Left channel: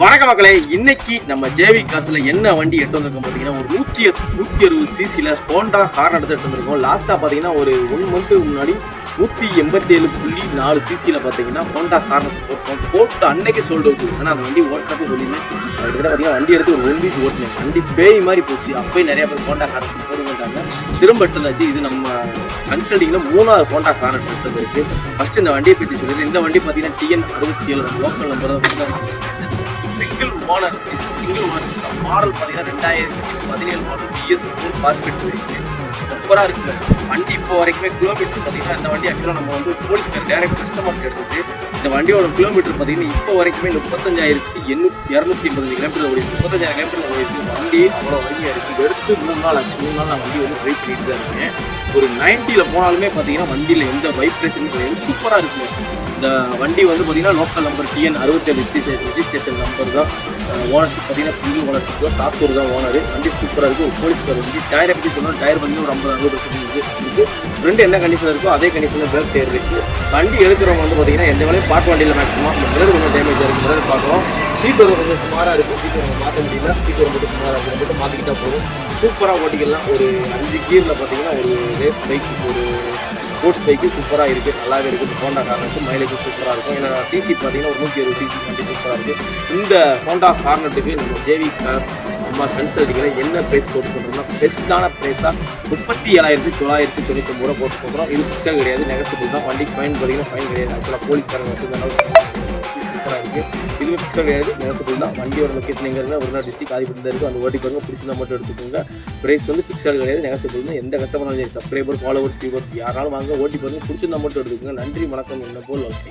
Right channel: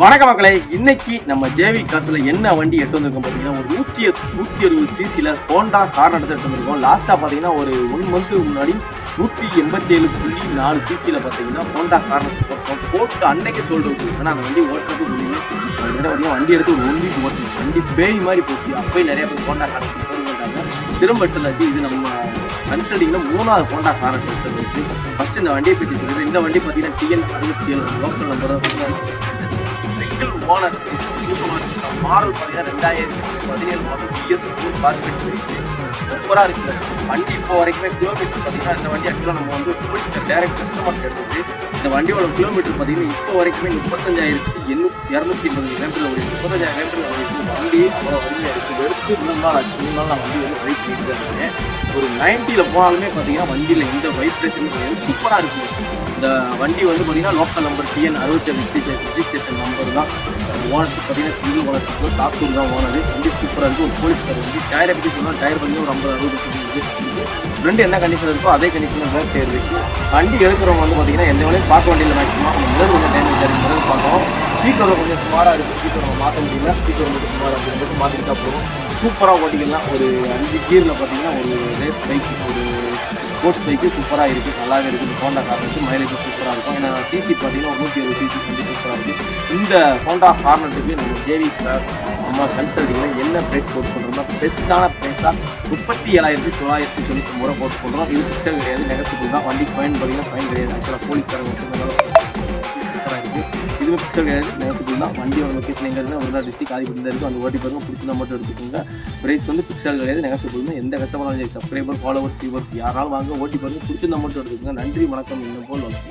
வணக்க மக்களே, இன்னைக்கு நம்ம ஜேவி காசுல என்ன வண்டி எடுத்து வந்திருக்கோம் பார்த்தீங்கன்னா, ஒரு 160 சிசில ஹோண்டா ஹார்ன் எடுத்து வந்திருக்கோம். லாஸ்டா பார்த்தீங்கன்னா ஒரு 1 மந்த் முன்னாடி 187.4 சிசில பார்த்தீங்கன்னா ஹோண்டா ஹார்ன் போட்டு அன்னைக்கு சோல்டு அவுட். ஆனால் அந்த வண்டி ஓட்டுறது சொல்லிங்கன்னா பார்த்தீங்கன்னா வண்டி எடுத்து ஒரு 1 வீக் ஓட்டணும். வண்டி பேய் மாதிரி போச்சு. அப்போயே நிறைய பேர் ஹோண்டா ஹார்ன் போடுறாங்க. திரும்ப எடுத்துதாச்சு. இது நம்ம கன்சல்டிங்கில் 3வது ஹோண்டா ஹார்ன் எடுத்து ஃபர்ஸ்ட் இந்த வண்டியை பற்றி சொல்லுறது. இந்த வண்டி பார்த்தீங்கன்னா TN 67 லோக்கல் நம்பர் தான். மாடல் பார்த்தீங்கன்னா 2017 சூப்பராக இருக்குது வண்டி. இப்போ வரைக்குமே கிலோமீட்டர் பார்த்தீங்கன்னா இந்த வண்டி ஆக்சுவலாக நம்ம வந்து போலீஸ்க்கு டேரக்ட் கஸ்டமர்ஸ் எடுத்தது. இந்த வண்டியோட கிலோமீட்டர் பார்த்தீங்கன்னா இப்போ வரைக்குமே 35,280 கிலோமீட்டர் ஒரு 35,000 கிலோமீட்டர் வண்டி எடுத்து 3 நாள் ஆச்சு. 3 நாள் நான் வண்டி வந்து ரைட் பண்ணிட்டு இருக்கேன். ஒரு 90ல் போனாலுமே பார்த்தீங்கன்னா வண்டியில் எந்த வைப்ரேஷன் சூப்பராக இருக்குது. இந்த வண்டி வந்து பார்த்தீங்கன்னா local number TN 67 registration number தான். ஓனர்ஷிப் பார்த்தீங்கன்னா சிங்கிள் ஓனர்ஷிப் சாத்தூர் தான் ஓனர். வண்டி சூப்பராக இருக்குது. போலீஸ் வந்து டயரை பற்றி சொன்னால் டயர் பண்ணி ஒரு 50-60% இருக்குது. ஃப்ரெண்டு என்ன கண்டிஷன் இருக்கோ அதே கண்டிஷனில் பேக் டயர் இருக்குது. வண்டி எடுக்கிறவங்க வந்து பார்த்தீங்கன்னா எந்த வண்டியும் பார்க்க வண்டியில் மேக்ஸிமம் முதல் டேமேஜ் இருக்குது. முதல் பார்க்கணும். சீட் வந்து கொஞ்சம் சுமாராக இருக்குது. சீட் நம்ம மாற்ற முடியுமா? சீட் வந்து சுமாராக இருக்குது. மாற்றிட்டு தான் போகும். சூப்பராக ஓட்டிக்கலாம். ஒரு 5 கீரில் பார்த்தீங்கன்னா ஒரு ரேஸ் பைக், ஒரு ஸ்போர்ட்ஸ் பைக்கு சூப்பராக இருக்குது. நல்லாவே இருக்குது. ஹோண்டா காருக்கு மைலேஜ் சூப்பராக இருக்கும். ஏன்னா சிசி பார்த்தீங்கன்னா 120 சிசி சூப்பராக இருக்குது. இந்த ஹோண்டா ஹார்னட்டுக்கு நம்ம ஜேவி காஸ் நம்ம கன்சல்டிங்கில் என்ன ப்ரைஸ் போட்டு கொடுக்குறோம்னா பெஸ்ட்டான ப்ரைஸாக 37,999 போட்டு கொடுக்குறோம். இது பிக்சர் கிடையாது, நெகசிபிள் தான். வண்டிக்கு ஃபைன் போடுறீங்க, ஃபைன் கிடையாது. ஆக்சுவலாக போலீஸ்காரங்க வச்சுருந்தாலும் இது பிக்சர் கிடையாது, நெகசிபிள் தான். வண்டியோட லொக்கேஷன் எங்கே இருந்தால் ஒரு டிஸ்ட்ரிக்ட் ஆதிபத்தில் இருக்குது. அந்த ஓட்டி பாருங்க, பிடிச்சிருந்தா மட்டும் எடுத்துக்கோங்க. ப்ரைஸ் வந்து பிக்சர் கிடையாது, நெகசிபிள் தான். எந்த கஸ்டமர் சப்ஸ்கிரைபர் ஃபாலோவர்ஸ் வியூவர்ஸ் யாராலும் வாங்க, ஓட்டி பாருங்க, பிடிச்சிருந்தா மட்டும் எடுத்துக்கோங்க. நன்றி, வணக்கம். என்ன போல் ஓகே.